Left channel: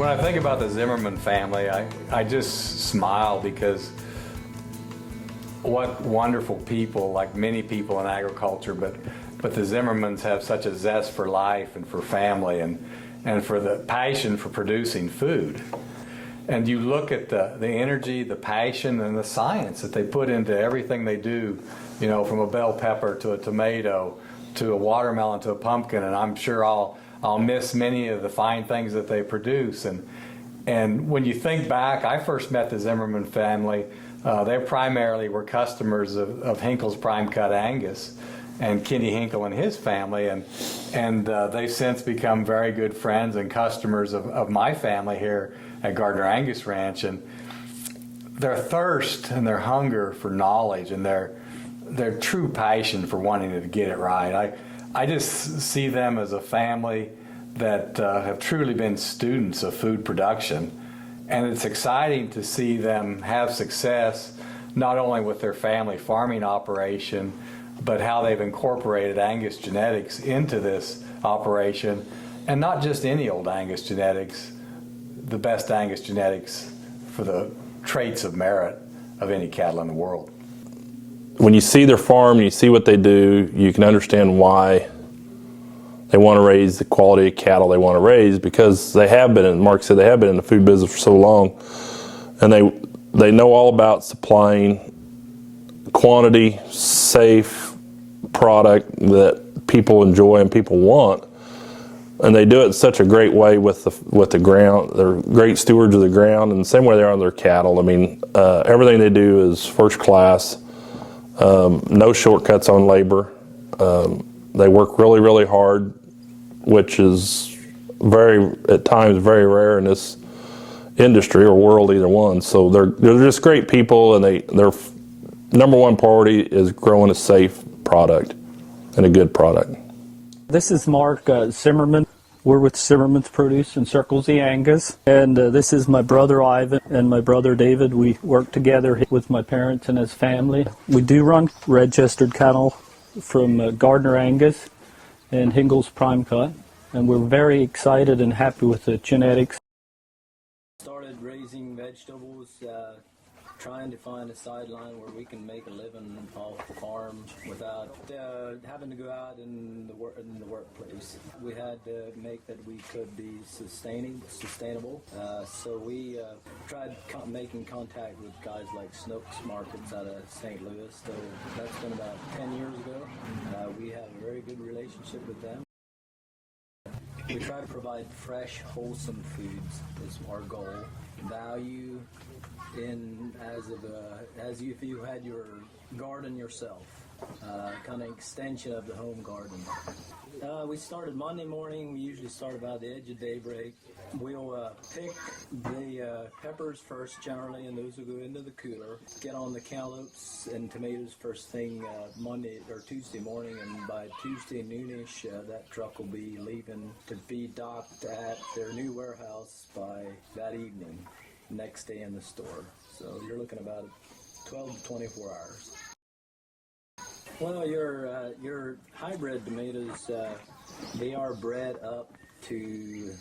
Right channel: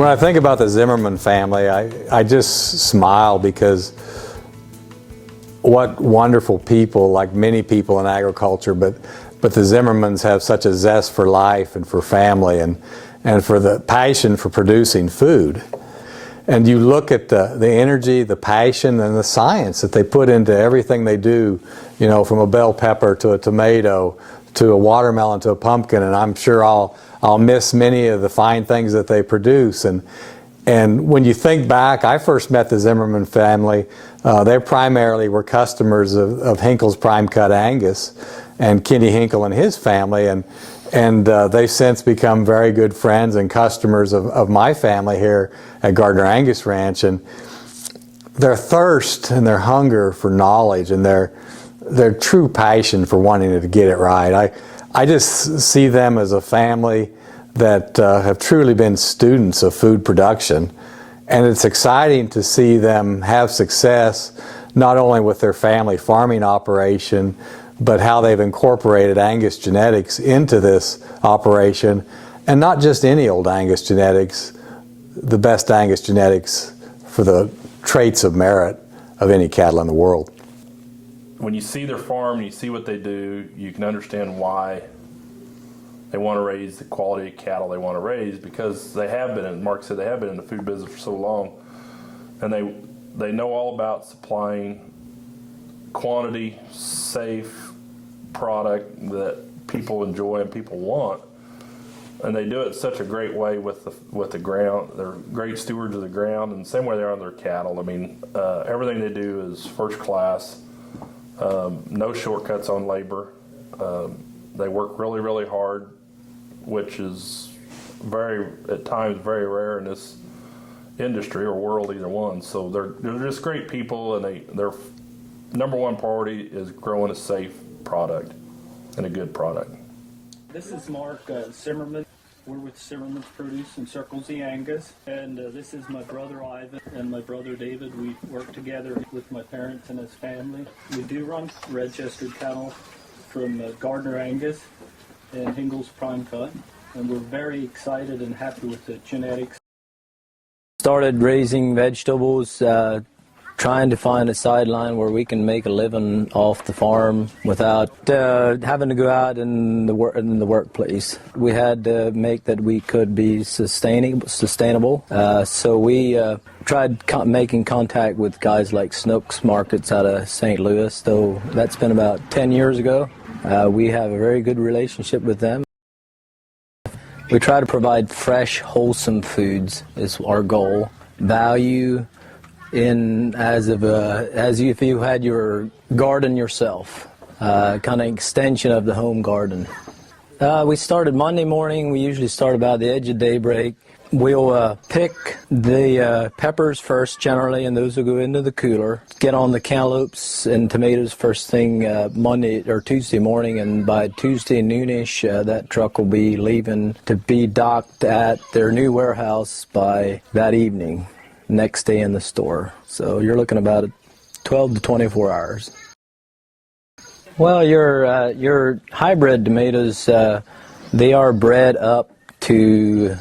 When I think about the Zimmerman family, I just smile because what wonderful people, like many people in agriculture, but the Zimmermans have such a zest for life and for family and for the passion for producing food. And you look at the energy, the passion, and the science that they put into everything they do, you know, from a bell pepper to a tomato to a watermelon to a pumpkin, and I'm sure I'll miss many of the fine things that they produce. And when you think back, I first met the Zimmerman family. They primarily were customers of Hinkle's Prime Cut Angus and Kenny Hinkle and his family, and they've since become very good friends and customers of my family here at GardinerAngusRanch. And their thirst and their hunger for knowledge and their true passion for wanting to get it right. I just see them as a family that have truly been students of food production, and it's exciting to see them have success not only with their family farming operation, but how they've incorporated Angus genetics into this operation, and not just any old Angus genetics, the best Angus genetics for the traits of merit of any cattle in the world. When you see their farm, you see what they do, you can understand why they want to raise the quality of cattle they want to raise, because they have been, and Mark said they have been in the food business for so long, and they know all about supplying quantity, safe product that people enjoy and people want, and they do it in such a great way with the ground. They're great stewards of the ground, and the same way they are on their cattle. I mean, everything they do is first class. No shortcuts on labor. They work really, really hard, which is at times very rare in this industry or world, either one. So they're just great people, and their number one priority is growing a safe product and a good product. This is Mark Zimmerman. We're with Zimmerman's Produce in Circle Z Angus, and this is my brother Ivan and my brother David. We work together with my parents and his family. We do run registered cattle from Gardiner Angus and Hinkle's Prime Cut, and we're very excited and happy with the genetics. Started raising vegetables, trying to find a sideline where we can make a living off the farm without having to go out in the workplace. We had to make that we could be sustainable. So we tried making contact with guys like Schnucks Supermarkets out of St. Louis. So that's been about 10 years ago. We have a very good relationship with them. We try to provide fresh, wholesome foods is our goal. Value as if you had your garden yourself, kind of extension of the home garden. We started Monday morning. We usually start about the edge of daybreak. We'll pick the peppers first generally, and those will go into the cooler. Get on the cantaloupes and tomatoes first thing Monday or Tuesday morning, and by Tuesday noonish that truck will be leaving to be docked at their new warehouse by that evening. Next day in the store. So you're looking about 12 to 24 hours. Well, your hybrid tomatoes, they are bred up to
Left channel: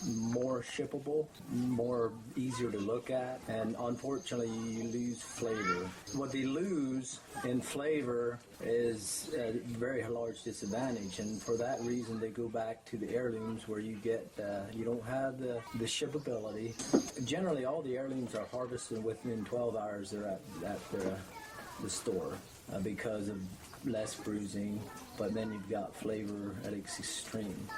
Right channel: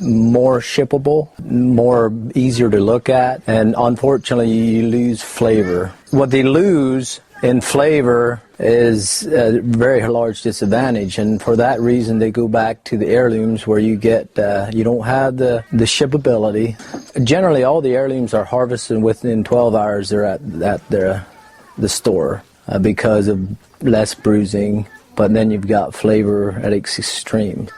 more shippable, more easier to look at, and unfortunately you lose flavor. What they lose in flavor is a very large disadvantage, and for that reason they go back to the heirlooms where you get you don't have the shippability. Generally all the heirlooms are harvested within 12 hours. They're at the store because of less bruising, but then you've got flavor at its extreme.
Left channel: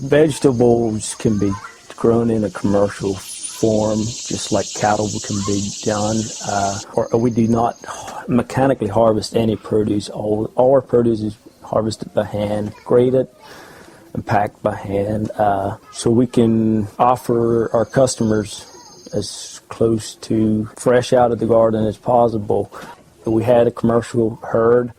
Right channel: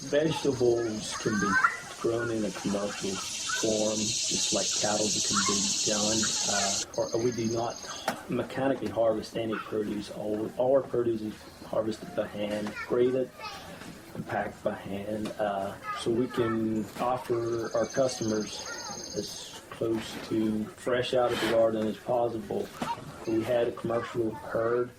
Vegetables can be grown in a commercial form, just like cattle can be done. We do not mechanically harvest any produce. All our produce is harvested by hand, graded, and packed by hand, so we can offer our customers as close to fresh out of the garden as possible. We had a commercial herd,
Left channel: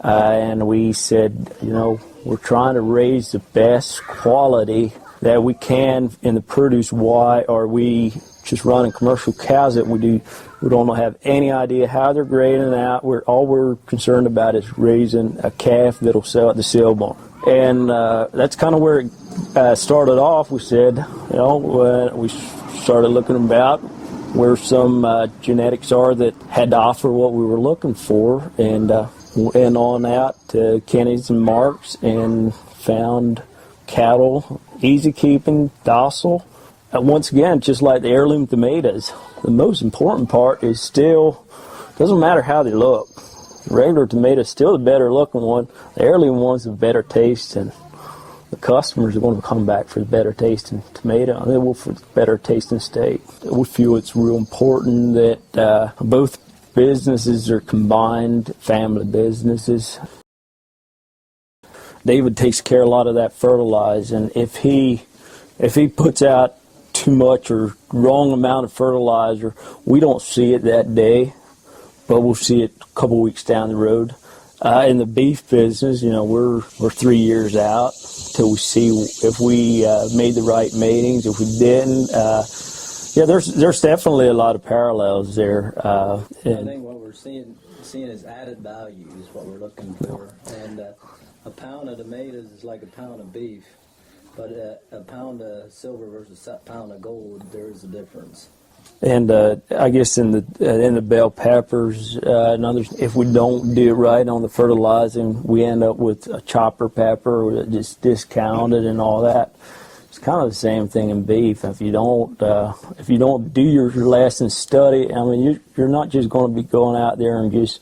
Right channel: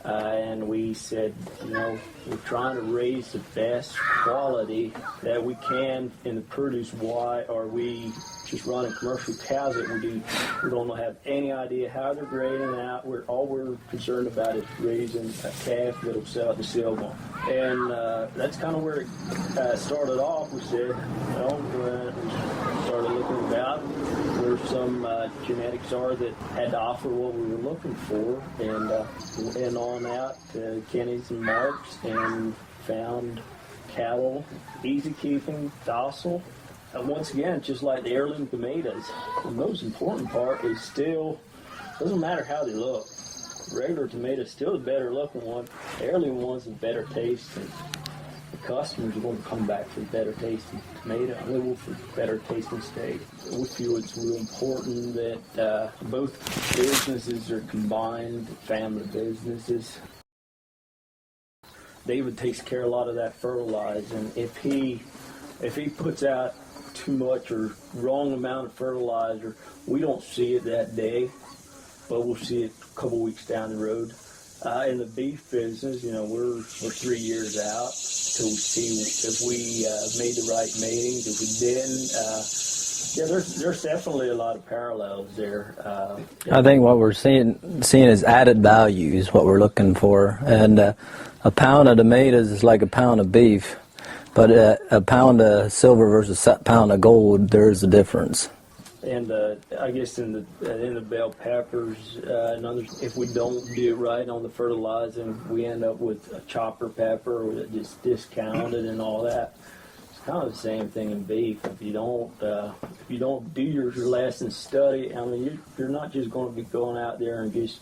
and we said, you know, we're trying to raise the best quality that we can in the produce. Why are we just running commercial cows that we don't have any idea how they're grading out? All we're concerned about is raising a calf that'll sell at the sale barn. And that's kind of where it started off. We said, we started looking about where some genetics are that had to offer what we were looking for, and went on out to Kenny's and Mark's and found cattle, easy keeping, docile. Once again, just like the heirloom tomatoes, the most important part is still, doesn't matter how they look. The regular tomato is still the better looking one. The heirloom one's the better taste, and the customers are going to come back for the better tasting tomato, and they will for the better tasting steak. We feel it's real important that both businesses are combined family businesses. David takes care of a lot of that fertilizer, and if he puts out too much or wrong amount of fertilizer, we don't see it that day, but we'll see it a couple weeks down the road. In the beef business, we're 3 years out till we see if we made the right matings. If we didn't, there's definitely a lot of parallels there. I think what we're seeing is added value is what we're looking for, and a pound of tomatoes is like a pound of beef, but a pound of silver versus a pound of gold, there's a difference. And I guess in the bell peppers and others, if we don't do it right on the fertilizing, we end up with a chopper pepper just discounted and all that. It's kind of the same thing in beef. If you don't do your lesson study, I mean, you're not just going to be going out there and just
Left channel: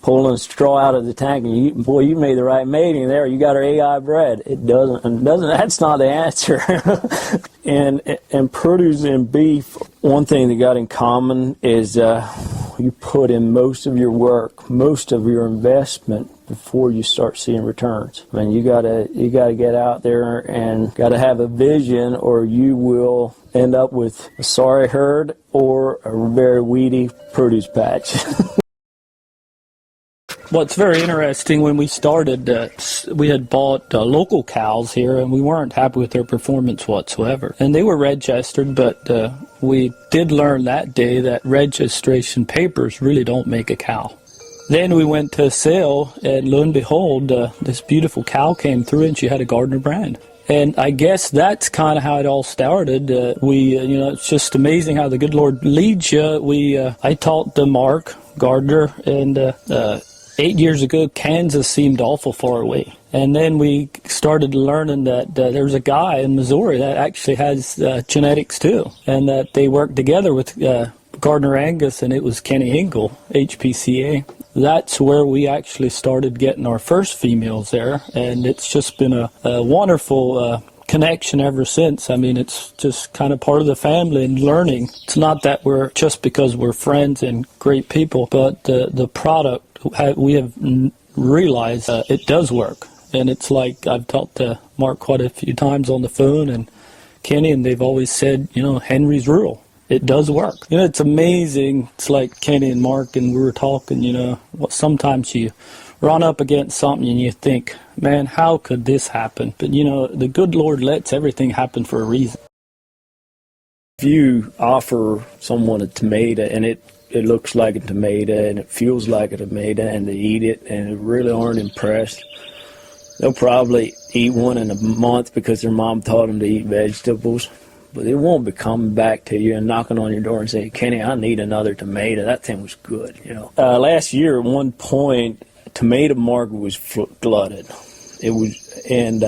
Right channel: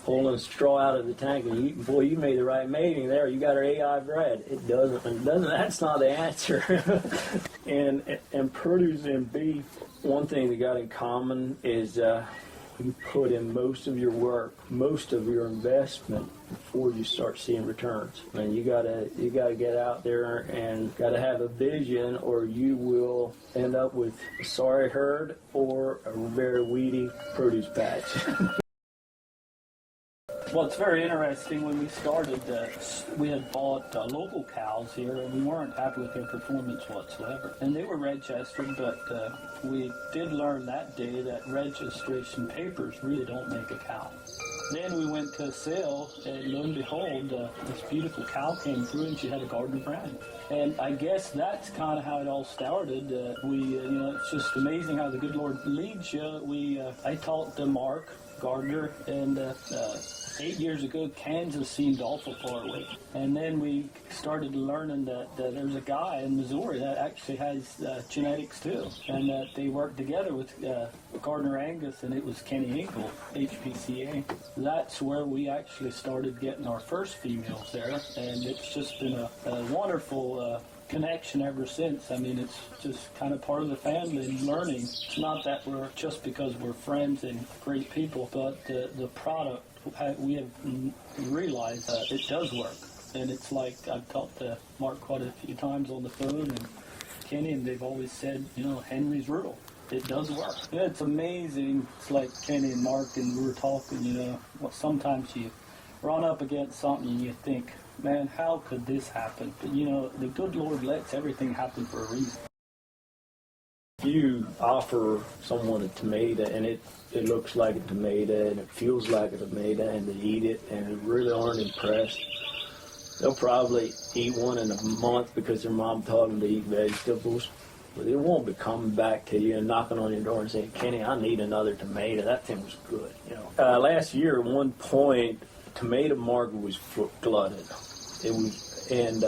pulling a straw out of the tank and boy, you made the right mating there. You got our AI bred. It doesn't. That's not the answer. and produce and beef, one thing they got in common is you put in most of your work, most of your investment before you start seeing returns. I mean, you gotta get out there and gotta have a vision, or you will end up with a sorry herd or a very weedy produce patch. What's very interesting, when we started, we had bought local cows here, and we weren't happy with their performance whatsoever. And they were registered, but we did learn that day that registration papers really don't make a cow. Then we went to a sale, and lo and behold, this beautiful cow came through, and she had a Gardiner brand. And I guess that's kind of how it all started. It's just amazing how the good Lord leads you. I talked to Mark Gardiner, and 8 years ago, Kansas seemed awful far away. And then we started learning that there's a guy in Missouri that actually has genetics too, and that they worked together with Gardiner Angus, and it was Kenny Hinkle, HPCA. That's where we actually started getting our first females there, and it's just been a wonderful connection ever since. I mean, it's just kind of part of the family and learning. It's not that we're just because we're friends and great people, but the product, we have realized it does work. And it's like I've talked to Mark quite a few times on the phone and Kenny, and they've always said, Henry's rural. It does work. It's amazing. It's like Kenny and Mark, and we were talking, sometimes you run up against something and you think, man, how could this happen? But, the good Lord lets everything happen for a reason. If you offer someone a tomato and it looks like a tomato and it feels like a tomato and they eat it and they really aren't impressed, they'll probably eat one in a month because their mom taught them to eat vegetables. But they won't be coming back to you and knocking on your door and saying, Kenny, I need another tomato. That thing was good, Last year, at one point, tomato market was flooded. It was, and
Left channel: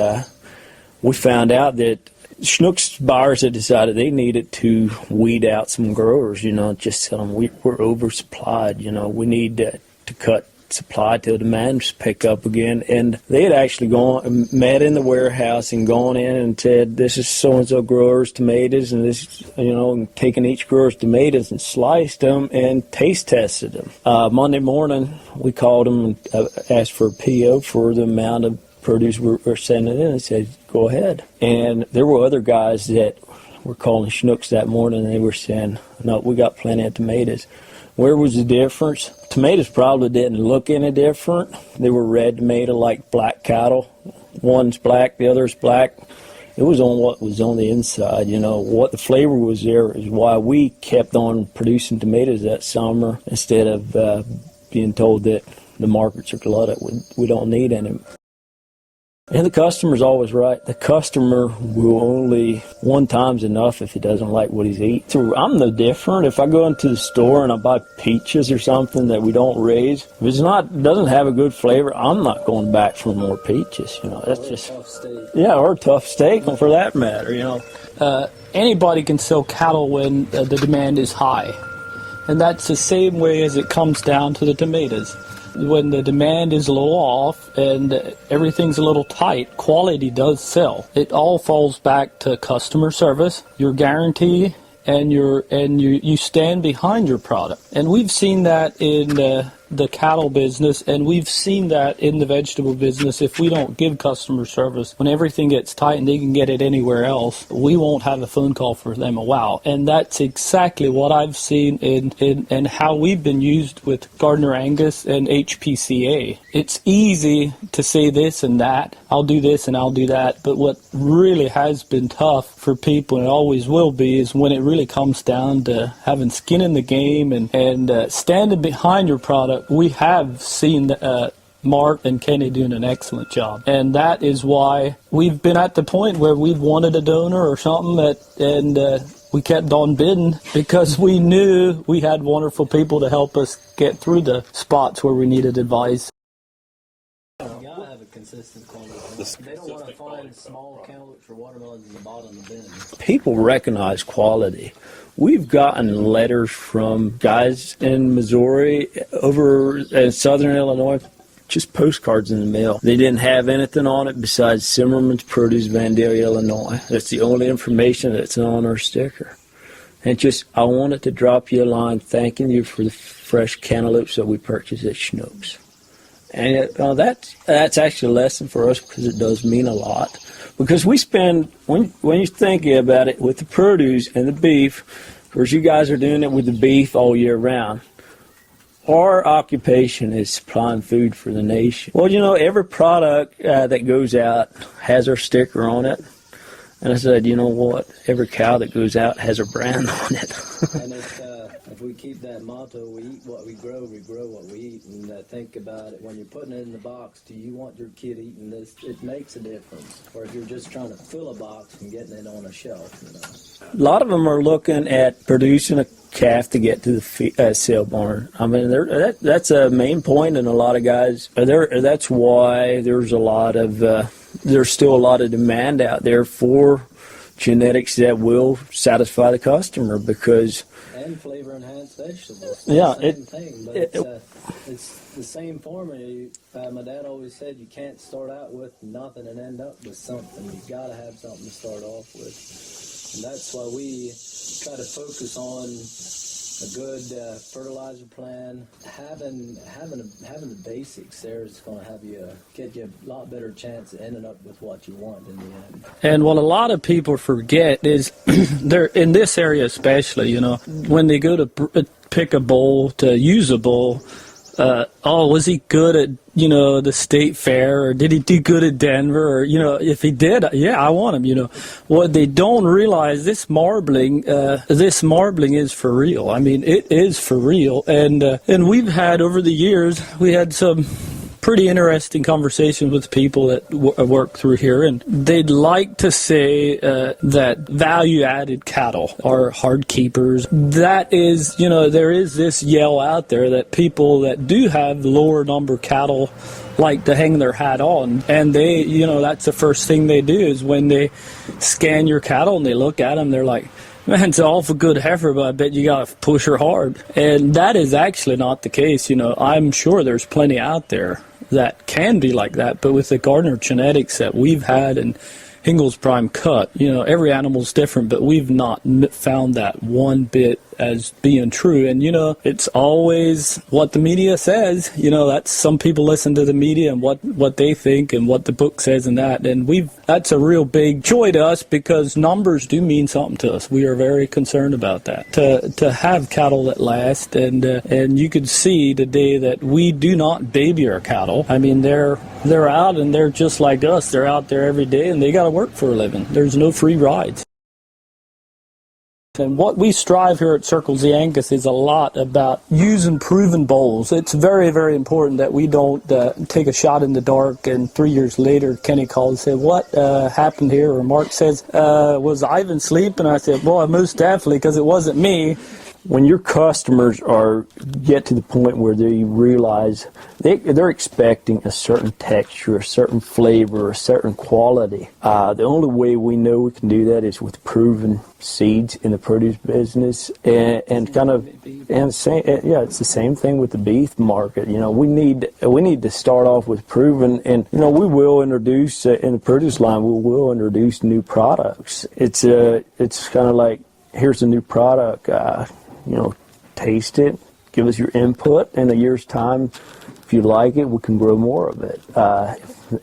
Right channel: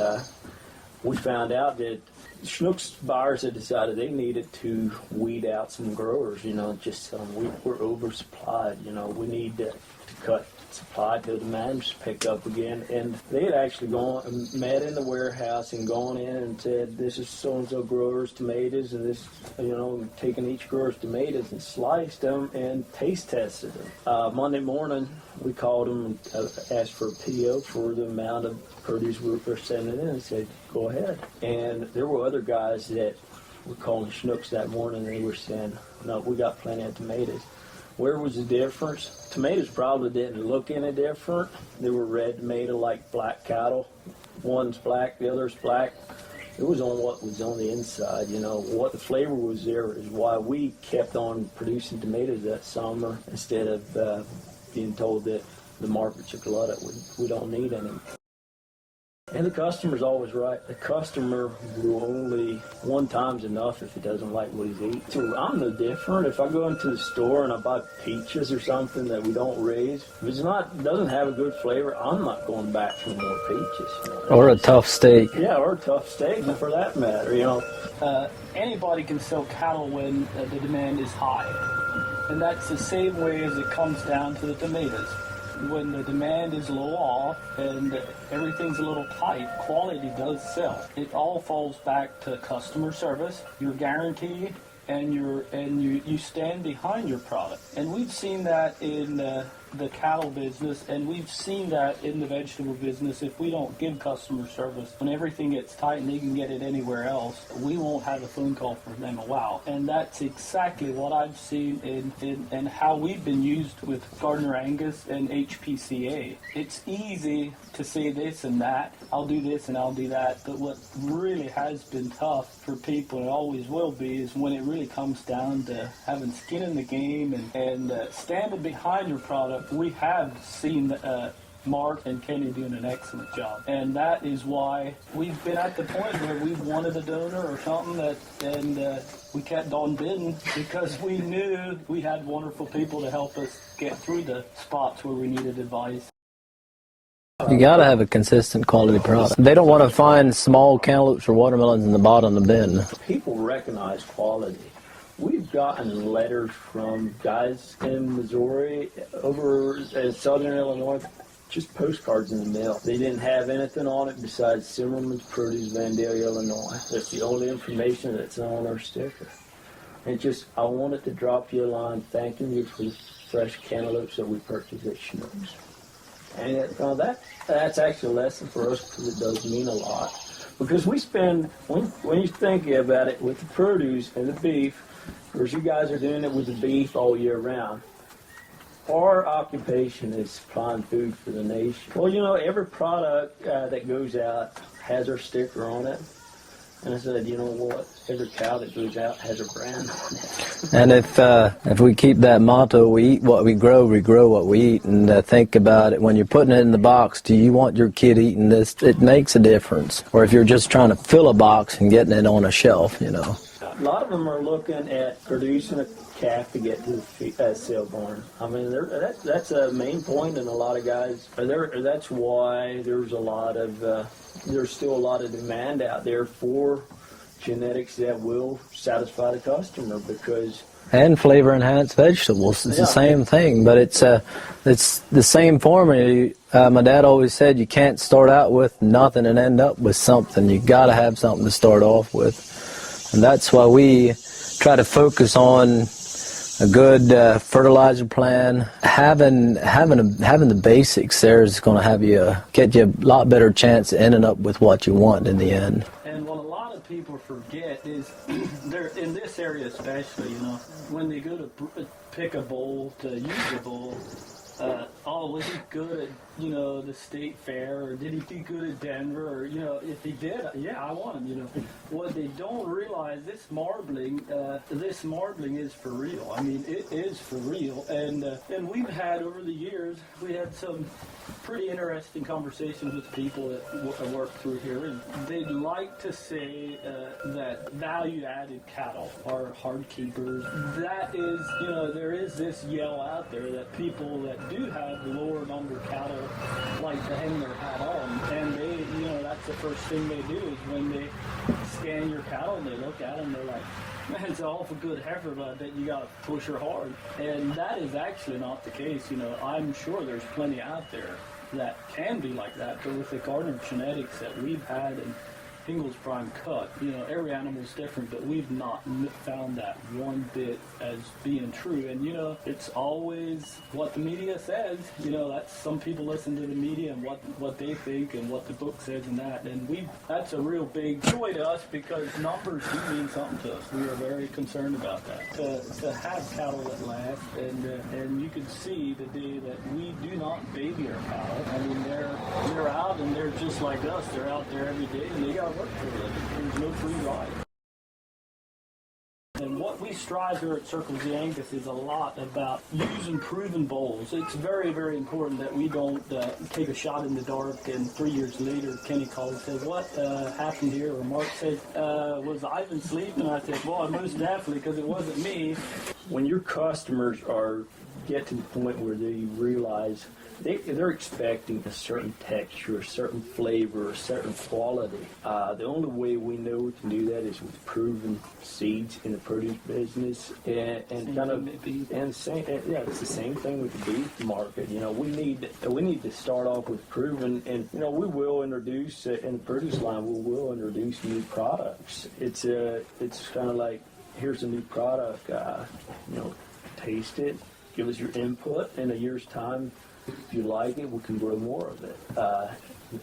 we found out that Schnucks buyers had decided they needed to weed out some growers, just tell them we're oversupplied, we need to cut supply till demand pick up again. And they had actually met in the warehouse and gone in and said, this is so-and-so grower's tomatoes, and this, and taken each grower's tomatoes and sliced them and taste tested them. Monday morning, we called them and asked for a PO for the amount of produce we're sending in, and said, go ahead. And there were other guys that were calling Schnucks that morning, and they were saying, no, we got plenty of tomatoes. Where was the difference? Tomatoes probably didn't look any different. They were red tomato like black cattle. One's black, the other's black. It was on what was on the inside. You know, what the flavor was there is why we kept on producing tomatoes that summer instead of being told that the markets are glutted. We don't need any. And the customer's always right. The customer will only, one time's enough if he doesn't like what he's eating. So I'm no different. If I go into the store and I buy peaches or something that we don't raise, if doesn't have a good flavor, I'm not going back for more peaches. You know, Or a tough steak. Yeah, or a tough steak, for that matter. You know, Anybody can sell cattle when the demand is high. And that's the same way as it comes down to the tomatoes. When the demand is a little off and everything's a little tight, quality does sell. It all falls back to customer service, your guarantee, and you stand behind your product. And we've seen that in the cattle business, and we've seen that in the vegetable business. If we don't give customer service, when everything gets tight and they can get it anywhere else, we won't have a phone call for them a while. And that's exactly what I've seen in how we've been used with Gardiner Angus and HPCA. It's easy to say this and that, I'll do this and I'll do that, but what really has been tough for people, and it always will be, is when it really comes down to having skin in the game and standing behind your product. We have seen Mark and Kenny doing an excellent job, and that is why we've been at the point where we've wanted a donor or something, and we kept on bidding because we knew we had wonderful people to help us get through the spots where we needed advice. You gotta have a consistent quality product. They don't want to find small cantaloupes or watermelons in the bottom of the bin. people recognize quality. We've gotten letters from guys in Missouri, over in southern Illinois, just postcards in the mail. They didn't have anything on it besides Zimmerman's Produce, Vandalia, Illinois. That's the only information that's on our sticker. And just, I wanted to drop you a line thanking you for the fresh cantaloupes that we purchased at Schnucks. And that's actually a lesson for us because it does mean a lot. Because we spend, when you think about it, with the produce and the beef, of course you guys are doing it with the beef all year round. Our occupation is supplying food for the nation. Well, you know, every product that goes out has our sticker on it. And I said, you know what? Every cow that goes out has a brand on it. And if we keep that motto, we eat what we grow what we eat, and think about it, when you're putting it in the box, do you want your kid eating this? It makes a difference. Or if you're just trying to fill a box and getting it on a shelf, you know. A lot of them are looking at producing a calf to get to the sale barn. I mean, that's a main point in a lot of guys. That's why there's a lot of... there's still a lot of demand out there for genetics that will satisfy the customer because... And flavor enhanced vegetables. It's the same thing, but it's the same formula. My dad always said you can't start out with nothing and end up with something. You got to have something to start off with. And that's why we try to focus on a good fertilizer plan. Having the basics there is going to get you a lot better chance of ending up with what you want in the end. And what a lot of people forget is, they're in this area especially, you know, when they go to pick a bull, to use a bull, was he good at, you know, the state fair, or did he do good at Denver, or, you know, if he did, yeah, I want him, you know. What they don't realize, this marbling is for real. I mean, it is for real, and we've had, over the years, we had some pretty interesting conversations with people that work through here, and they'd like to say that value-added cattle are hard keepers. That is, you know, there is this yell out there that people that do have lower number cattle like to hang their hat on, and they, you know, that's the first thing they do is when they scan your cattle and they look at them, they're like, man, it's an awful good heifer, but I bet you got to push her hard. And that is actually not the case. You know, I'm sure there's plenty out there that can be like that, but with the Gardiner genetics that we've had and Hinkle's prime cut, you know, every animal's different, but we've not found that one bit as being true. And, it's always what the media says. That's some people listen to the media and what they think and what the book says and that. And that's a real big joy to us because numbers do mean something to us. We are very concerned about that. To have cattle that last, and you could see today that we do not baby our cattle. I mean, they're out and they're just like us. They're out there every day and they got to work for a living. There's no free rides. And what we strive here at Circle Z Angus is a lot about using proven bulls. It's very, very important that we don't take a shot in the dark and 3 years later Kenny called and said, what happened here? Or Mark says, was Ivan asleep? And I said, well, most definitely, because it wasn't me. When your customers get to the point where they realize they're expecting a certain texture, a certain flavor, a certain quality, the only way we know we can do that is with proven seeds in the produce business, and it's the same thing with the beef market. We need to start off with proven, and we will introduce in the produce line we will introduce new products. It's kind of like, here's a new product. Taste it, give us your input. In a year's time, if you like it, we can grow more of it.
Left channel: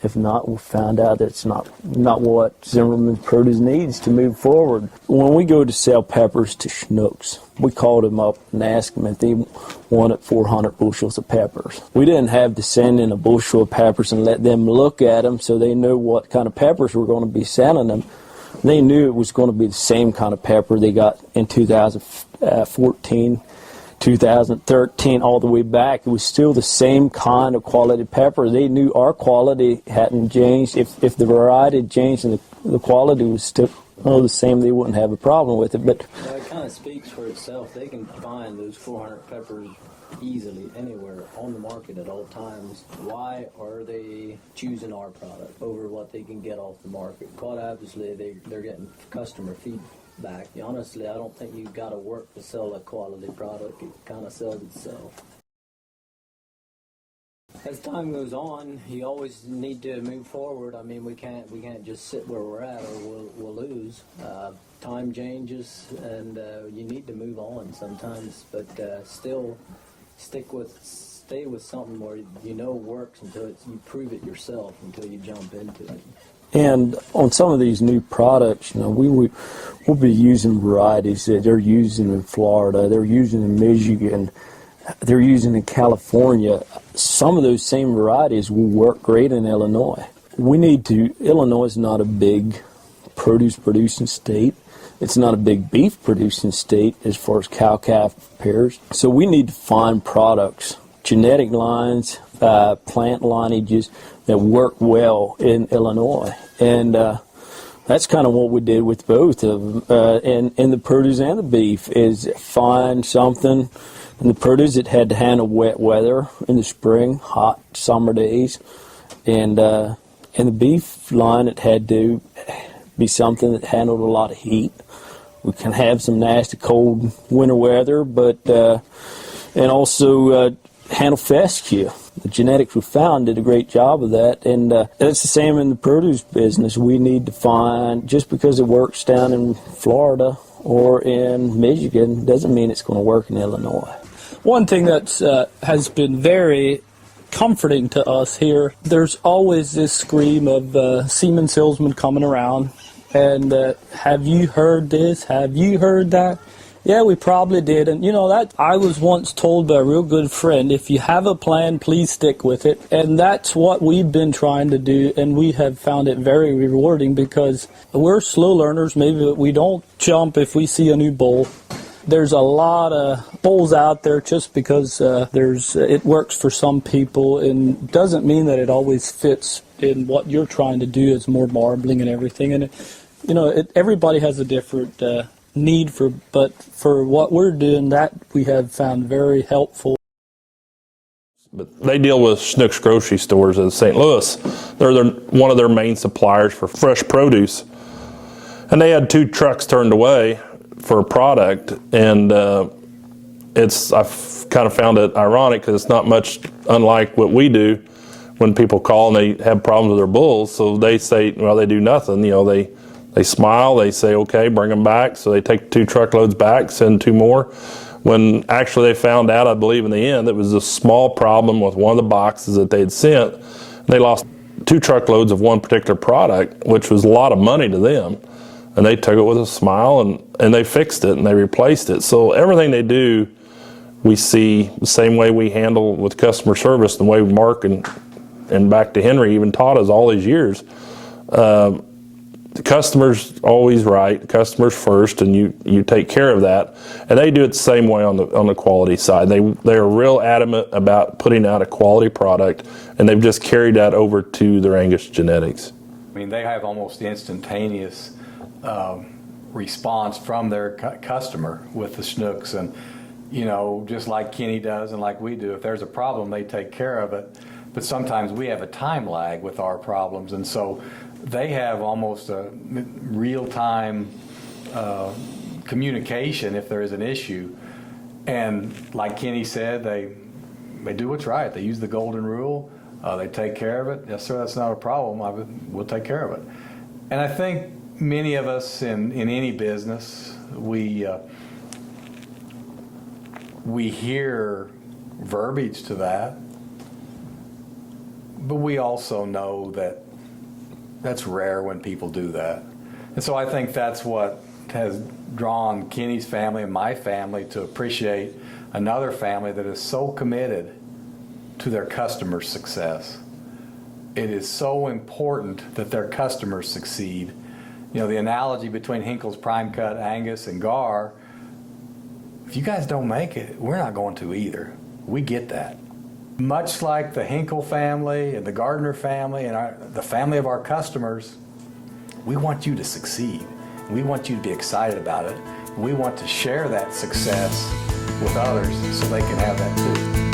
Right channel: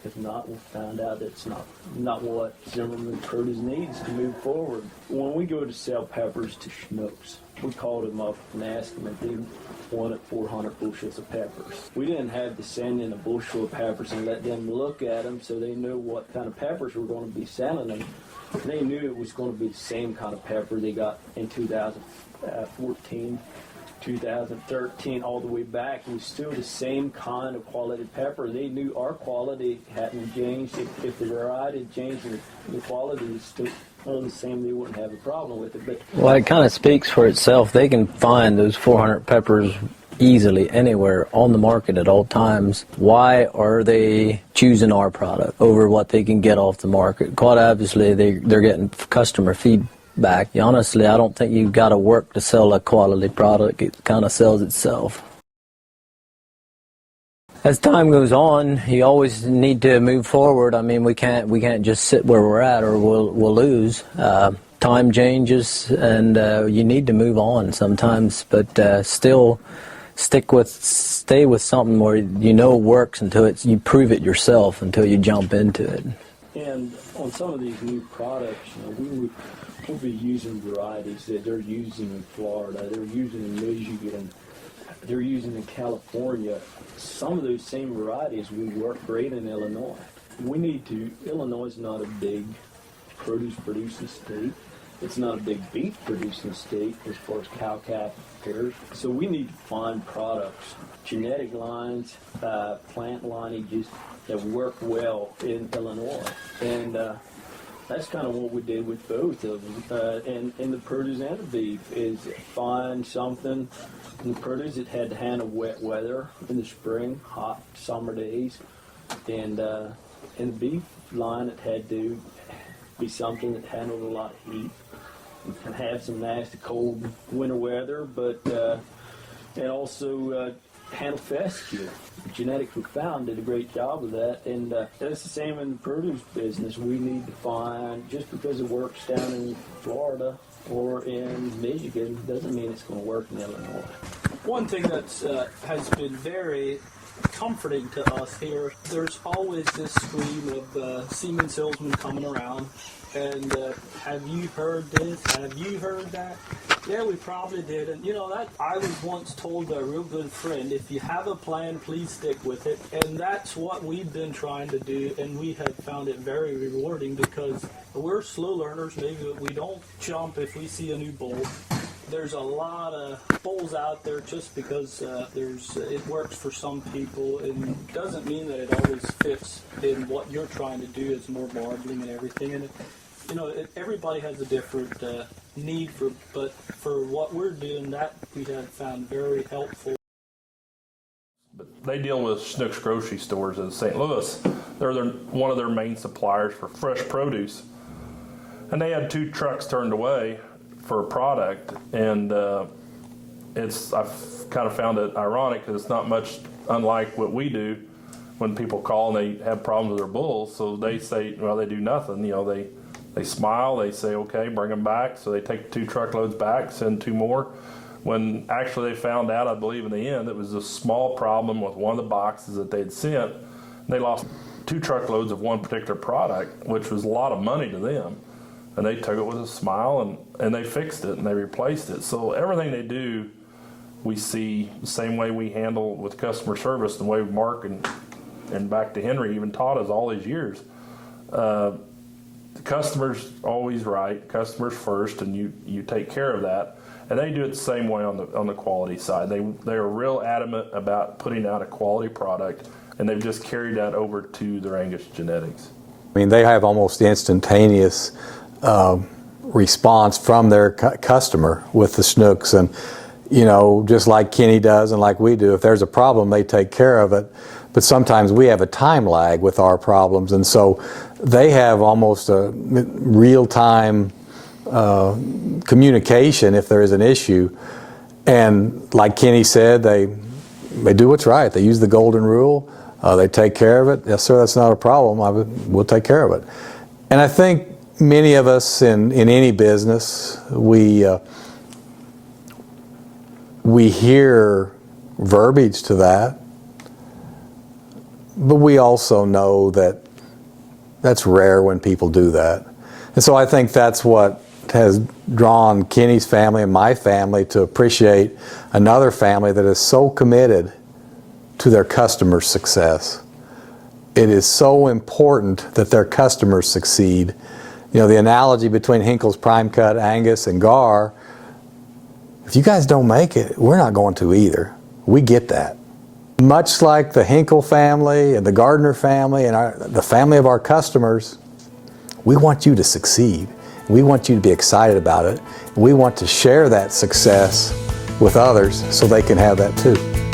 If not, we'll find out that's not what Zimmerman Produce needs to move forward. When we go to sell peppers to Schnucks, we called them up and asked them if they wanted 400 bushels of peppers. We didn't have to send in a bushel of peppers and let them look at them so they know what kind of peppers we're going to be selling them. They knew it was going to be the same kind of pepper they got in 2014, 2013, all the way back. It was still the same kind of quality pepper. They knew our quality hadn't changed. If the variety had changed and the quality was still the same, they wouldn't have a problem with it. But it kind of speaks for itself. They can find those 400 peppers easily anywhere on the market at all times. Why are they choosing our product over what they can get off the market? Quite obviously, they're getting customer feedback. Honestly, I don't think you've got to work to sell a quality product. It kind of sells itself. As time goes on, you always need to move forward. I mean, we can't just sit where we're at, or we'll lose. Time changes, and you need to move on sometimes, but still stay with something where works until you prove it yourself, until you jump into it. And on some of these new products, we'll be using varieties that they're using in Florida, they're using in Michigan, they're using in California. Some of those same varieties will work great in Illinois. Illinois is not a big produce producing state. It's not a big beef producing state as far as cow-calf pairs. So we need to find products, genetic lines, plant lineages that work well in Illinois. And that's kind of what we did with both of them, in the produce and the beef, is find something in the produce that had to handle wet weather in the spring, hot summer days. And in the beef line, it had to be something that handled a lot of heat. We can have some nasty cold winter weather, but and also handle fescue. The genetics we found did a great job of that, and it's the same in the produce business. We need to find, just because it works down in Florida or in Michigan doesn't mean it's going to work in Illinois. One thing that has been very comforting to us here, there's always this scream of semen salesmen coming around. And have you heard this? Have you heard that? Yeah, we probably did. And that I was once told by a real good friend, if you have a plan, please stick with it. And that's what we've been trying to do, and we have found it very rewarding because we're slow learners. Maybe we don't jump if we see a new bull. There's a lot of bulls out there just because it works for some people, and doesn't mean that it always fits in what you're trying to do. It's more marbling and everything, and everybody has a different need but for what we're doing, that we have found very helpful. But they deal with Schnucks grocery stores in St. Louis. They're one of their main suppliers for fresh produce, and they had 2 trucks turned away for a product, and I've kind of found it ironic because it's not much unlike what we do when people call and they have problems with their bulls. So they say, well, they do nothing. They They smile, they say, okay, bring them back. So they take 2 truckloads back, send 2 more. When actually they found out, I believe in the end, it was a small problem with one of the boxes that they had sent. They lost 2 truckloads of one particular product, which was a lot of money to them. And they took it with a smile, and they fixed it, and they replaced it. So everything they do, we see the same way we handle with customer service, the way Mark and back to Henry even taught us all these years. The customer's always right, the customer's first, and you take care of that. And they do it the same way on the quality side. They are real adamant about putting out a quality product, and they've just carried that over to their Angus genetics. I mean, they have almost instantaneous response from their customer with the Schnucks, and you know, just like Kenny does and like we do, if there's a problem, they take care of it. But sometimes we have a time lag with our problems, and so they have almost a real-time communication if there is an issue. And like Kenny said, they do what's right. They use the golden rule. They take care of it. Yes, sir, that's not a problem. We'll take care of it. And I think many of us in any business, we hear verbiage to that, but we also know that that's rare when people do that. And so I think that's what has drawn Kenny's family and my family to appreciate another family that is so committed to their customers' success. It is so important that their customers succeed. You know, the analogy between Hinkle's Prime Cut Angus and Gar, if you guys don't make it, we're not going to either. We get that. Much like the Hinkle family and the Gardiner family and the family of our customers, we want you to succeed. We want you to be excited about it. We want to share that success with others so they can have that too.